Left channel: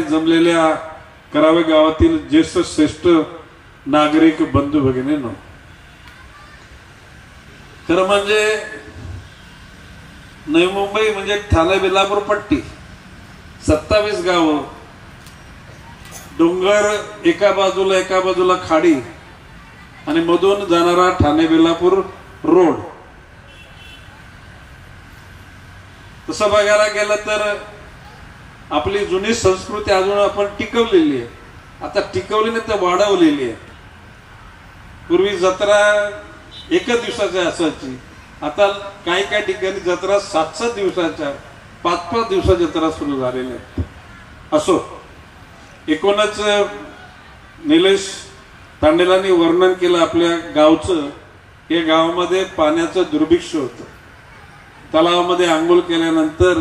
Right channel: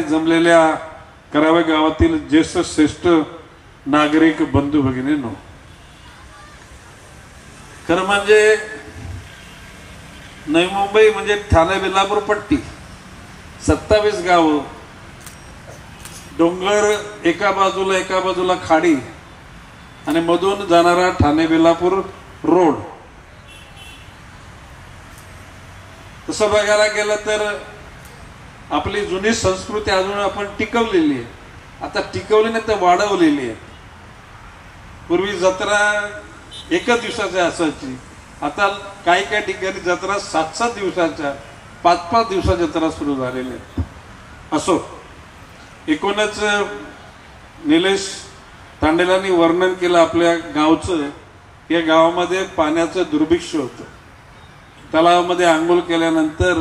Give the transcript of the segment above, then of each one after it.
जमलेल्या करावे गावातील ज्येष्ठ श्रेष्ठ नागरिक बंधू भगिनींनो, खरं म्हणजे नवी मुंबई म्हणजे ठाणे बेलापूर पट्टी 27 गाव, डोंगर एका बाजूला खाडी आणि मधून जाणारा ठाणे बेलापूर रोड. तसं बघायला गेलं तर आपली जुनी संस्कृती अजून आपण टिकवलेली आहे. आता टिकवली नाही तर वाढवलेली आहे. पूर्वी जत्रा एकच दिवसाची असायची, आता काही काही ठिकाणी जत्रा 7-7 दिवसाच्या 5-5 दिवसाच्या जत्रा सुरू झालेल्या आहेत. असो, एकूणच निलेश तांडेलांनी वर्णन केलं आपल्या गावचं. या गावामध्ये पाण्याचं दुर्भिक्ष होतं. तलावामध्ये आंघोळ केल्यानंतर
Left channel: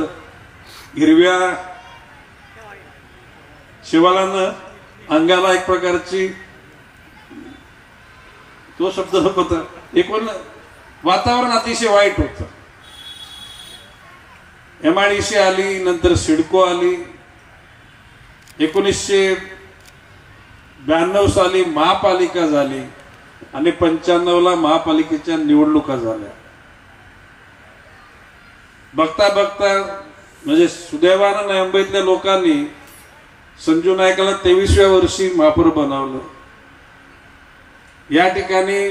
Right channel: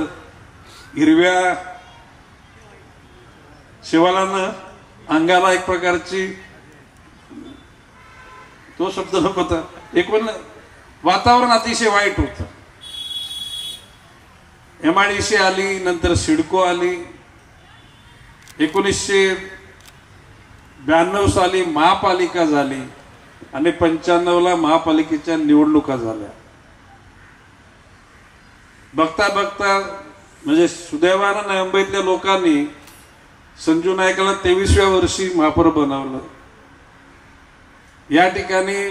हिरव्या शिवालानं अंगाला एक प्रकारची, तो शब्द नको होता, एकूण वातावरण अतिशय वाईट होतं. MIDC आली, नंतर सिडको आली, 1992 साली महापालिका झाली आणि 95ला महापालिकेच्या निवडणुका झाल्या. बघता बघता म्हणजे सुदैवानं नवी मुंबईतल्या लोकांनी संजू नायकाला 23व्या वर्षी महापौर बनवलं. या ठिकाणी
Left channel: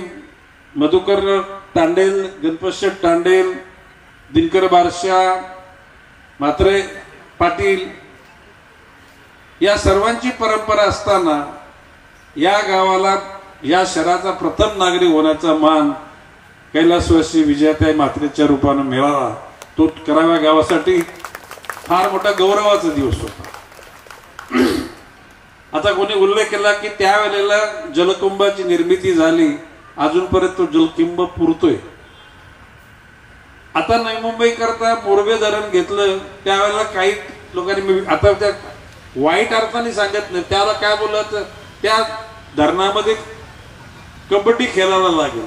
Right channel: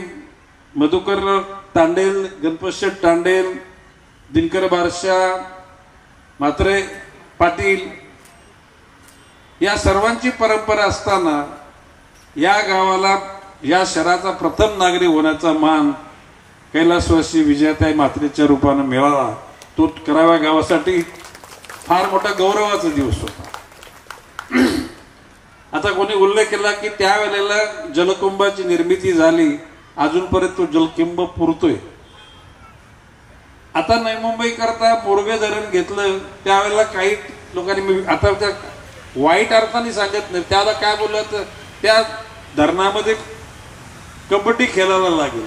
मधुकर तांडेल, गणपतशेठ तांडेल, दिनकर बारशा, म्हात्रे पाटील या सर्वांची परंपरा असताना या गावाला, या शहराचा प्रथम नागरिक होण्याचा मान कैलासवासी विजयाताई म्हात्रेच्या रूपाने मिळाला. तो कराव्या गावासाठी फार मोठा गौरवाचा दिवस होता. आता कोणी उल्लेख केला की त्यावेळेला जलकुंभाची निर्मिती झाली, अजूनपर्यंत तो जलकुंभ पुरतोय. आता नवी मुंबई करता पूर्वे धरण घेतलं, त्यावेळेला काही लोकांनी, आता त्या वाईट अर्थाने सांगत नाही, त्याला काय बोललं तर त्या धरणामध्ये कबड्डी खेळायला लागेल.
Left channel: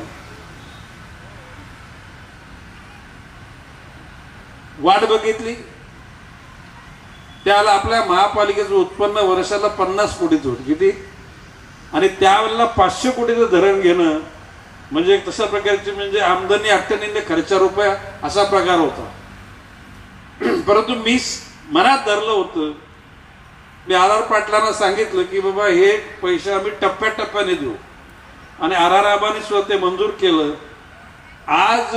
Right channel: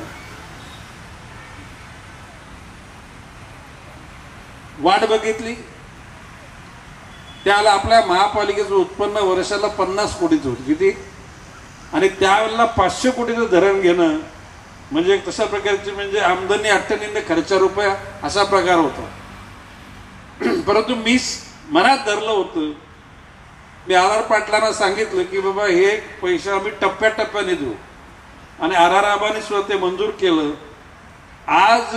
वाट बघितली, त्याला आपल्या महापालिकेचं उत्पन्न वर्षाला 50 कोटीच होतं. किती? आणि त्यावेळेला 500 कोटीचं धरण घेणं म्हणजे तशा प्रकारची, म्हणजे आमदनी 98 खर्चा रुपया असा प्रकार होता. परंतु मी मनात धरलं होतं, मी आर पाटलांना सांगितलं की बाबा हे पैसे आम्ही टप्प्याटप्प्याने देऊ, आणि आबाने सुद्धा ते मंजूर केलं. आज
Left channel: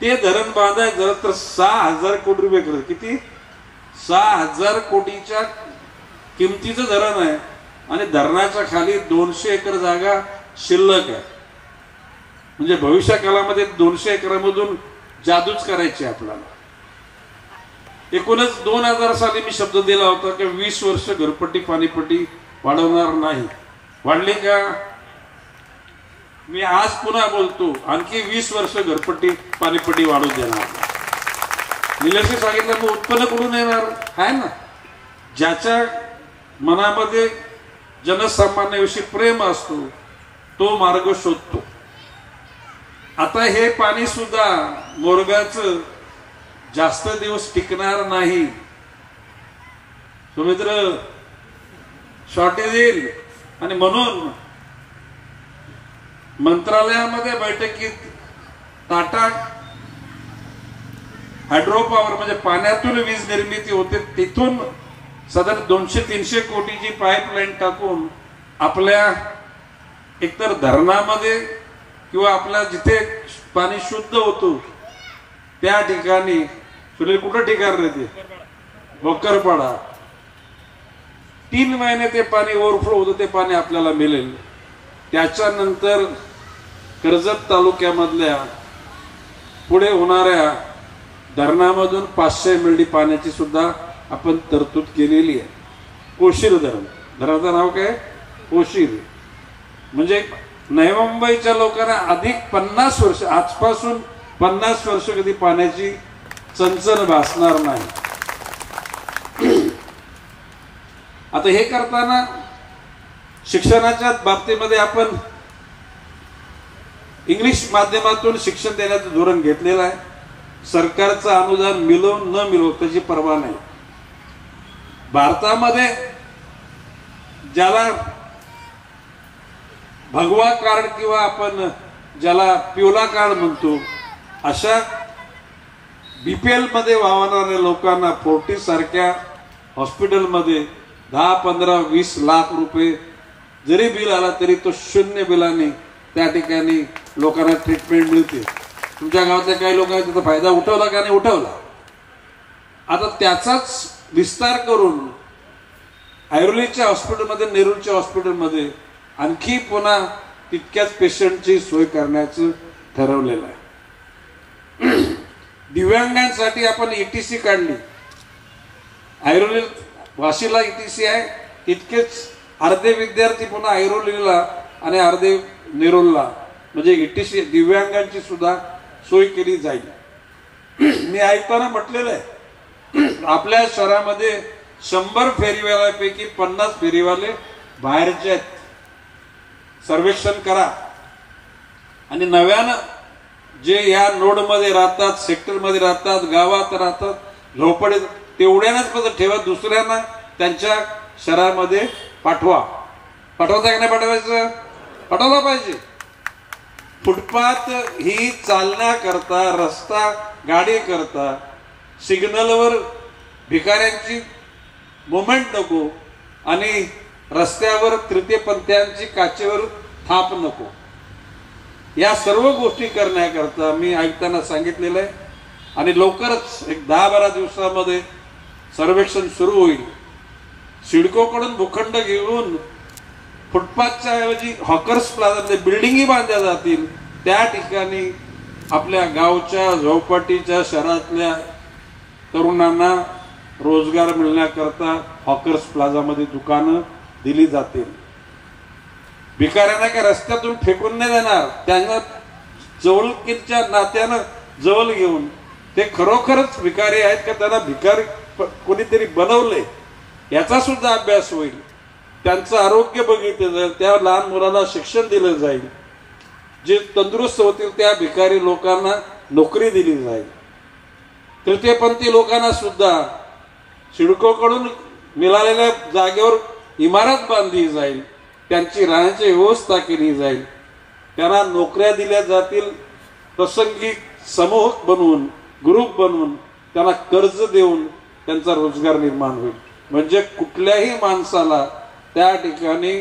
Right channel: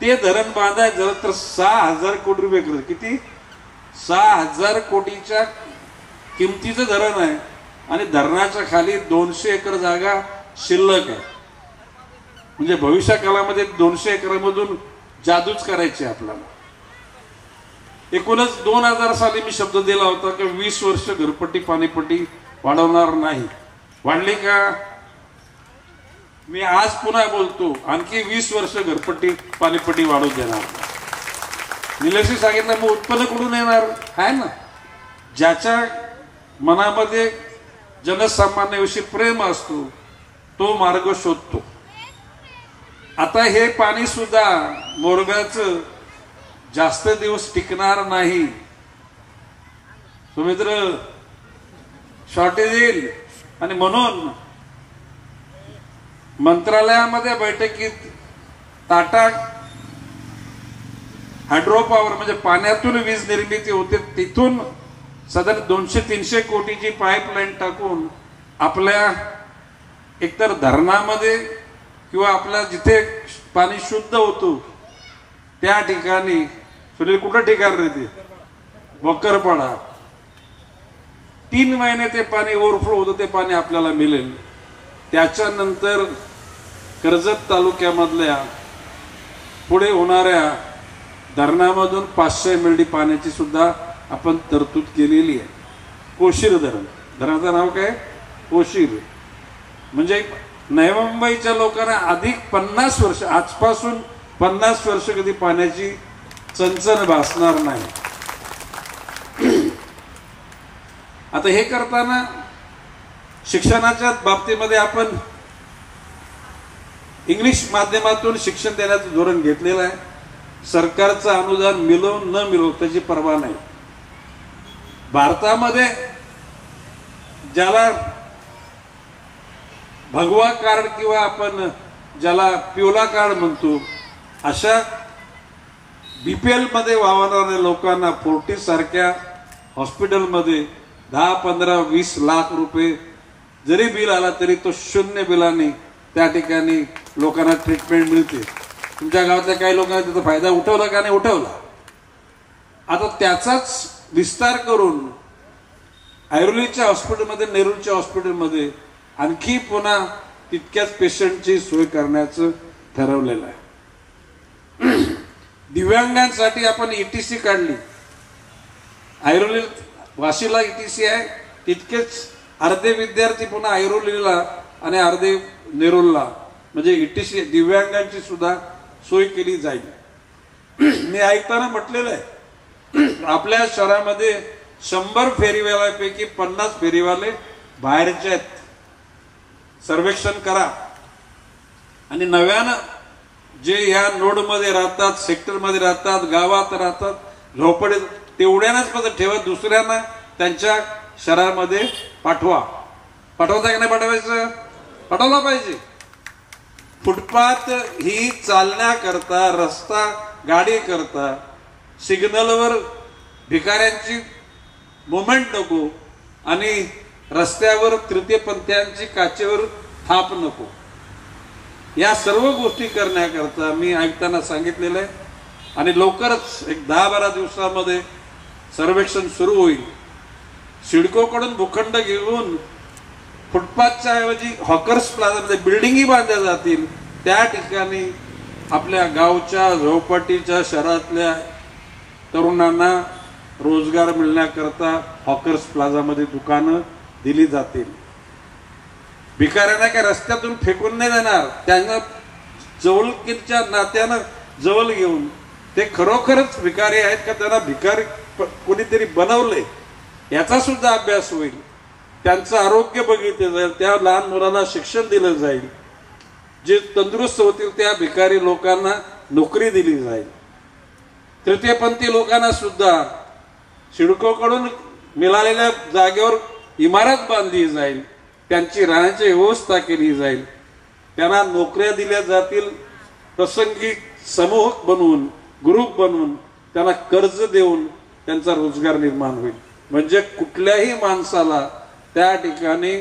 ते धरण बांधायचं झालं तर 6,000 कोटी रुपये खर्च. किती? 6,000 कोटीच्या किमतीचं धरण आहे आणि धरणाच्या खाली 200 एकर जागा शिल्लक आहे. म्हणजे भविष्य काळामध्ये 200 एकरामधून जादूच करायची आपल्याला. एकूणच 2000 साली मी शब्द दिला होता की 20 वर्ष घरपट्टी पाणीपट्टी वाढवणार नाही. वाढली का? मी आज पुन्हा बोलतो, आणखी 20 वर्ष घरपट्टी पाणीपट्टी वाढवू देणार. निलेशने सांगितलं मग उत्पन्न कुठून येणार आहे ना. ज्याच्या मनामध्ये जनसामान्याविषयी प्रेम असतो तो मार्ग शोधतो. आता हे पाणी सुद्धा मोरगाचं जास्त दिवस टिकणार नाही. सुमित्र शॉर्टेज येईल, आणि म्हणून मंत्रालयामध्ये बैठकीत टाटा हायड्रो पॉवर म्हणजे पाण्यातून वीज निर्मिती होते, तिथून साधारण 200-300 कोटीची पाईपलाईन टाकून आपल्या एकतर धरणामध्ये किंवा आपल्या जिथे पाणी शुद्ध होतं त्या ठिकाणी, कुठं ठिकाण देते भोकरपाडा, 3 महिने ते पाणी ओव्हरफ्लो होतं, ते पाणी आपल्याला मिळेल. त्याच्यानंतर कर्जत तालुक्यामधल्या पुढे होणाऱ्या धरणामधून 500 MLD पाण्याची सुद्धा आपण तरतूद केलेली आहे. कोशीर धरण, धरणाचं नाव काय? कोशीर. म्हणजे नवी मुंबईच्या लोकांना अधिक 50 वर्ष, आजपासून 50 वर्ष कधी पाण्याची चणचण भासणार नाही. आता हे करताना शिक्षणाच्या बाबतीमध्ये आपण इंग्लिश माध्यमातून शिक्षण देण्याचं धोरण घेतलेलं आहे. सरकारचं अनुदान मिळो न मिळो त्याची पर्वा नाही. भारतामध्ये ज्याला भगवा कार्ड किंवा आपण ज्याला पिवळा कार्ड म्हणतो अशा बीपीएल मध्ये वावरणाऱ्या लोकांना फोर्टिस सारख्या हॉस्पिटलमध्ये 10, 15, 20 लाख रुपये जरी बिल आला तरी तो शून्य बिलाने त्या ठिकाणी लोकांना ट्रीटमेंट मिळते. तुमच्या गावातल्या काही लोकांनी त्याचा फायदा उठवला का नाही उठवला. आता त्याचाच विस्तार करून ऐरोलीच्या हॉस्पिटलमध्ये नेरूरच्या हॉस्पिटलमध्ये आणखी पुन्हा तितक्याच पेशंटची सोय करण्याचं ठरवलेलं आहे. दिव्यांगांसाठी आपण ईटीसी काढली. ऐरोली वाशीला ईटीसी आहे, तितकेच अर्धे विद्यार्थी पुन्हा ऐरोलीला आणि अर्धे नेरूरला म्हणजे ईटीसी दिव्यांगांची सुद्धा सोय केली जाईल. मी ऐकताना म्हटलेलं आहे आपल्या शहरामध्ये 100 फेरीवाल्यापैकी 50 फेरीवाले बाहेरचे आहेत. सर्वेक्षण करा आणि नव्यानं जे या नोडमध्ये राहतात, सेक्टरमध्ये राहतात, गावात राहतात, झोपडे तेवढ्यानंच पद ठेवा, दुसऱ्यांना त्यांच्या शहरामध्ये पाठवा. पाठवता की नाही पाठवायचं? पाठवला पाहिजे. फुटपाथ ही चालण्याकरता, रस्ता गाडी करता, सिग्नलवर भिकाऱ्यांची मुवमेंट नको आणि रस्त्यावर तृतीयपंथीयांची काचेवर थाप नको. या सर्व गोष्टी करण्याकरता मी ऐकताना सांगितलेलं आहे आणि लवकरच एक 10-12 दिवसामध्ये सर्वेक्षण सुरू होईल. सिडकोकडून भूखंड घेऊन फुटपाथच्या ऐवजी हॉकर्स प्लाझामध्ये बिल्डिंगही बांधल्या जातील. त्या ठिकाणी आपल्या गावच्या झोपडीच्या शहरातल्या तरुणांना रोजगार मिळण्याकरता हॉकर्स प्लाझामध्ये दुकानं दिली जातील. भिकाऱ्यांना काय रस्त्यातून फेकून नाही देणार. त्यांना जवळकीच्या नात्यानं जवळ घेऊन ते खरोखरच भिकारी आहेत का त्यांना भिकारी कोणीतरी बनवलंय याचा सुद्धा अभ्यास होईल. त्यांचं आरोग्य बघितलं जाईल, त्या लहान मुलांना शिक्षण दिलं जाईल, जे तंदुरुस्त होतील त्या भिकारी लोकांना नोकरी दिली जाईल. तृतीयपंथी लोकांना सुद्धा सिडकोकडून मिळालेल्या जागेवर इमारत बांधली जाईल, त्यांची राहण्याची व्यवस्था केली जाईल, त्यांना नोकऱ्या दिल्या जातील. प्रसंगी समूह बनवून, ग्रुप बनवून त्यांना कर्ज देऊन त्यांचा रोजगार निर्माण होईल. म्हणजे कुठल्याही माणसाला त्या ठिकाणी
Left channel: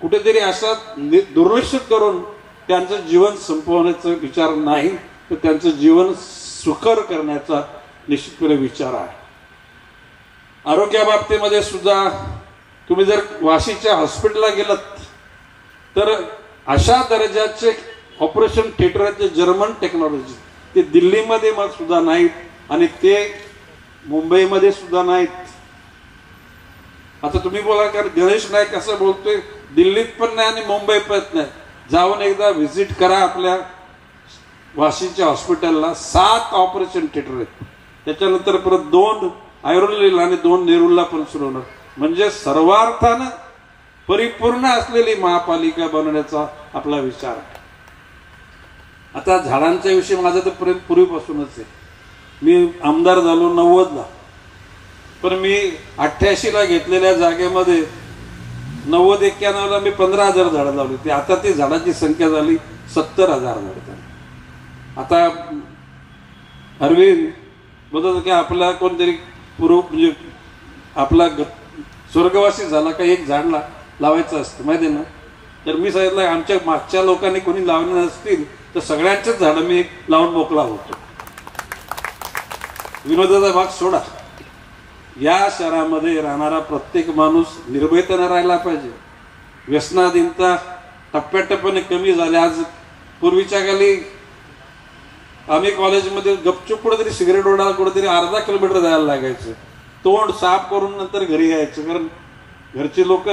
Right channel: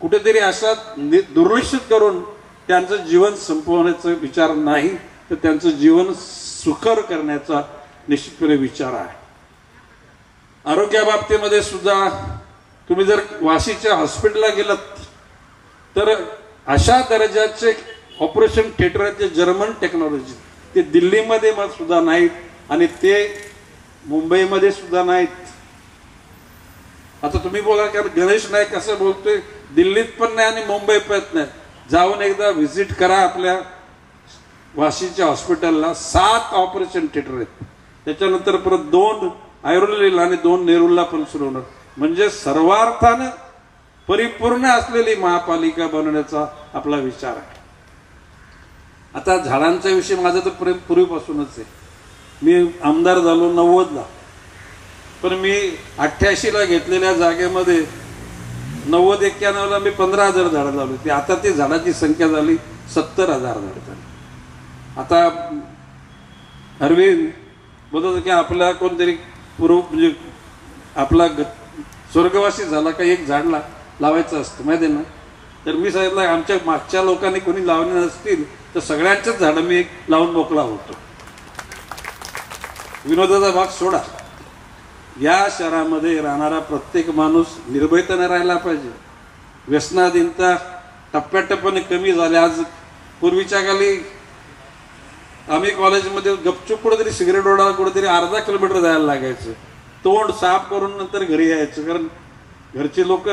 कुठेतरी असा दुर्लक्षित करून त्यांचं जीवन संपवण्याचा विचार नाही, तर त्यांचं जीवन सुकर करण्याचा निश्चितपणे विचार आहे. आरोग्याबाबतीमध्ये सुद्धा तुम्ही जर वाशीच्या हॉस्पिटलला गेलात तर अशा दर्जाचे ऑपरेशन थिएटर आहेत, जर्मन टेक्नॉलॉजी, ते दिल्लीमध्ये सुद्धा नाहीत आणि ते मुंबईमध्ये सुद्धा नाहीत. आता तुम्ही बोला कारण गणेश नाईक असं बोलतोय, दिल्लीत पण नाही आणि मुंबईत पण नाही. जाऊन एकदा व्हिजिट करा आपल्या वाशीच्या हॉस्पिटलला. 7 ऑपरेशन थिएटर आहेत. त्याच्यानंतर परत 2 ऐरोलीला आणि 2 नेरूरला पण सुरू होणार. म्हणजे सर्वार्थानं परिपूर्ण असलेली महापालिका बनवण्याचा आपला विचार आहे. आता झाडांच्या विषयी माझं तर पूर्वीपासूनच आहे. मी आमदार झालो 90ला, पण मी 88ला घेतलेल्या जागेमध्ये 90-91ला मी 15,000 झाडं लावली होती. आता ती झाडाची संख्या झाली 70,000 झाडं. आता अरविंद बोलत की आपला कोणतरी म्हणजे आपला स्वर्गवासी झाला का एक झाड लावायचं असतं माहिती ना. तर मी सांगितलं आमच्या मागच्या लोकांनी कोणी लावले नसतील तर सगळ्यांच्याच झाडं मी लावून मोकळा होतो. विनोदाचा भाग सोडा. या शहरामध्ये राहणारा प्रत्येक माणूस निर्भयतेने राहायला पाहिजे. व्यसनाधीनता टप्प्याटप्प्याने कमी झाल्या. आज पूर्वीच्या काळी आम्ही कॉलेजमध्ये गपचूप कुठेतरी सिगरेट ओढा कुठेतरी अर्धा किलोमीटर जायला लागायचं. तोंड साफ करून नंतर घरी यायचं, कारण घरचे लोक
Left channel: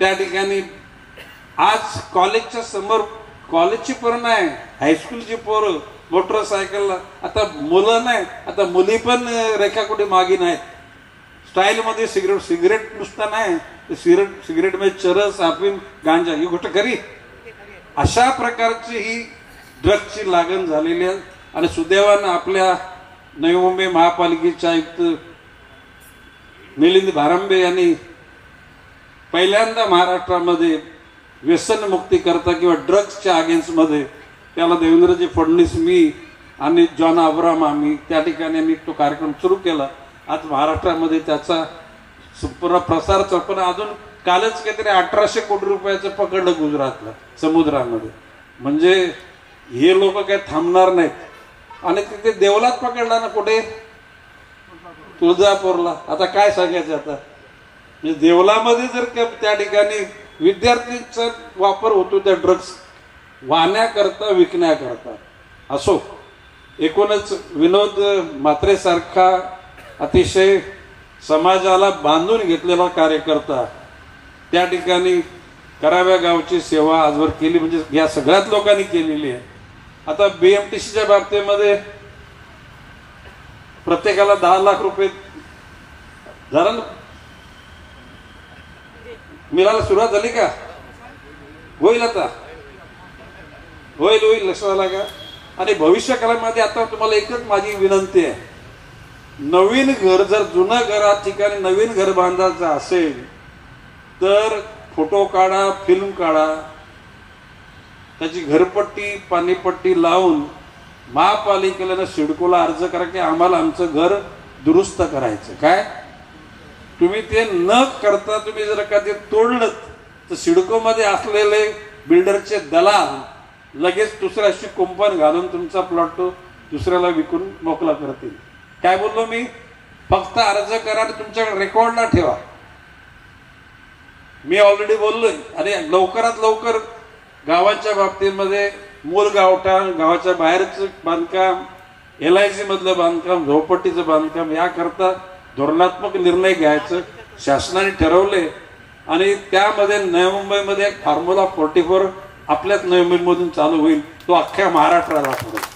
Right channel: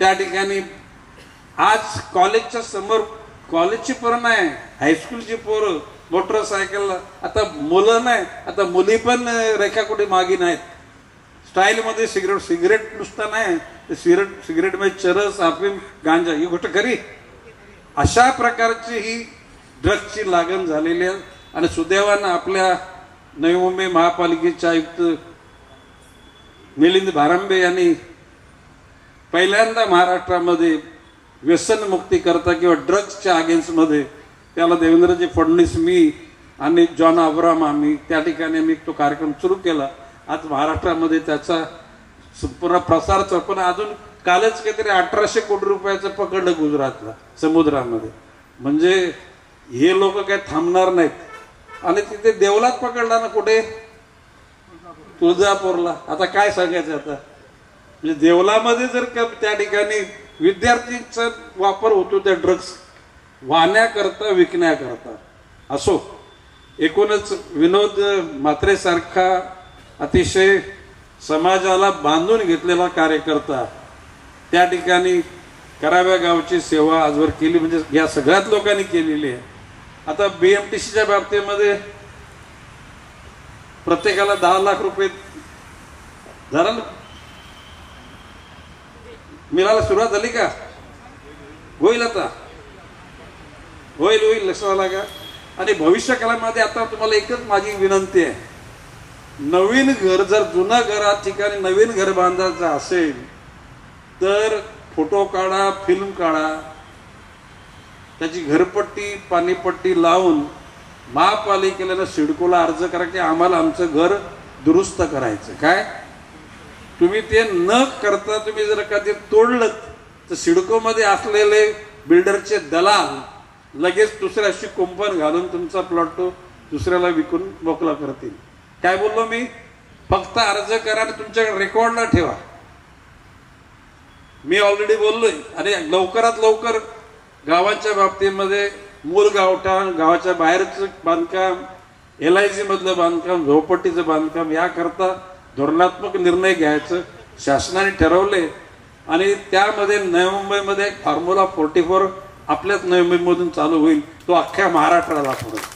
त्या ठिकाणी. आज कॉलेजच्या समोर कॉलेजची पोरं नाही, हायस्कूलची पोरं मोटरसायकल. आता मुलं नाही, आता मुली पण रेखाकुटी मागी नाहीत. स्टाईलमध्ये सिगरेट नुसता नाही, सिगरेटमध्ये चरस, अफीम, गांजा ही गोष्ट खरी. अशा प्रकारची ही ड्रग्सची लागण झालेली आहे. आणि सुदैवानं आपल्या नवी मुंबई महापालिकेच्या आयुक्त मिलिंद भारंबे यांनी पहिल्यांदा महाराष्ट्रामध्ये व्यसनमुक्ती करता किंवा ड्रग्सच्या अगेन्स्ट मध्ये त्याला देवेंद्रजी फडणवीस, मी आणि जॉन अब्राम आम्ही त्या ठिकाणी आम्ही तो कार्यक्रम सुरू केला. आज महाराष्ट्रामध्ये त्याचा प्रसार पण अजून कालच काहीतरी 1800 कोटी रुपयाचं पकडलं गुजरातला समुद्रामध्ये. म्हणजे हे लोक काय थांबणार नाहीत. आणि तिथे देवलात पकडला ना, कुठे तुळजापूरला. आता काय सांगायचं आता, म्हणजे देवलामध्ये जर त्या ठिकाणी विद्यार्थीचा वापर होतो त्या ड्रग्स वाहण्याकरता, विकण्याकरता. असो, एकूणच विनोद म्हात्रे सारखा अतिशय समाजाला बांधून घेतलेला कार्यकर्ता त्या ठिकाणी कराव्या गावची सेवा आजवर केली, म्हणजे या सगळ्याच लोकांनी केलेली आहे. आता बीएमटीसीच्या बाबतीमध्ये प्रत्येकाला 10 लाख रुपये झाला ना, मिळायला सुरुवात झाली का? होईल, आता होईल, लक्षात आला का? आणि भविष्य काळामध्ये आता तुम्हाला एकच माझी विनंती आहे, नवीन घर, जर जुनं घर ठिकाणी नवीन घर बांधायचं असेल तर फोटो काढा, फिल्म काढा, त्याची घरपट्टी, पाणीपट्टी लावून महापालिकेला, सिडकोला अर्ज करा की आम्हाला आमचं घर दुरुस्त करायचं. काय तुम्ही ते न करता तुम्ही जर कधी तोडलं तर सिडको मध्ये असलेले बिल्डरचे दलाल लगेच दुसऱ्याशी कुंपण घालून तुमचा प्लॉट तो दुसऱ्याला विकून मोकळा करतील. काय बोललो मी? फक्त अर्ज करा आणि तुमच्याकडे रेकॉर्डला ठेवा. मी ऑलरेडी बोललोय. आणि लवकरात लवकर गावाच्या बाबतीमध्ये मूल गावठाण, गावाच्या बाहेरचं बांधकाम, LIC मधलं बांधकाम, झोपडपट्टीचं बांधकाम याकरता धोरणात्मक निर्णय घ्यायचं शासनाने ठरवले. आणि त्यामध्ये नवी मुंबईमध्ये फॉर्म्युला 44 आपल्याच नवी मुंबईमधून चालू होईल. तो अख्ख्या महाराष्ट्राला पडेल.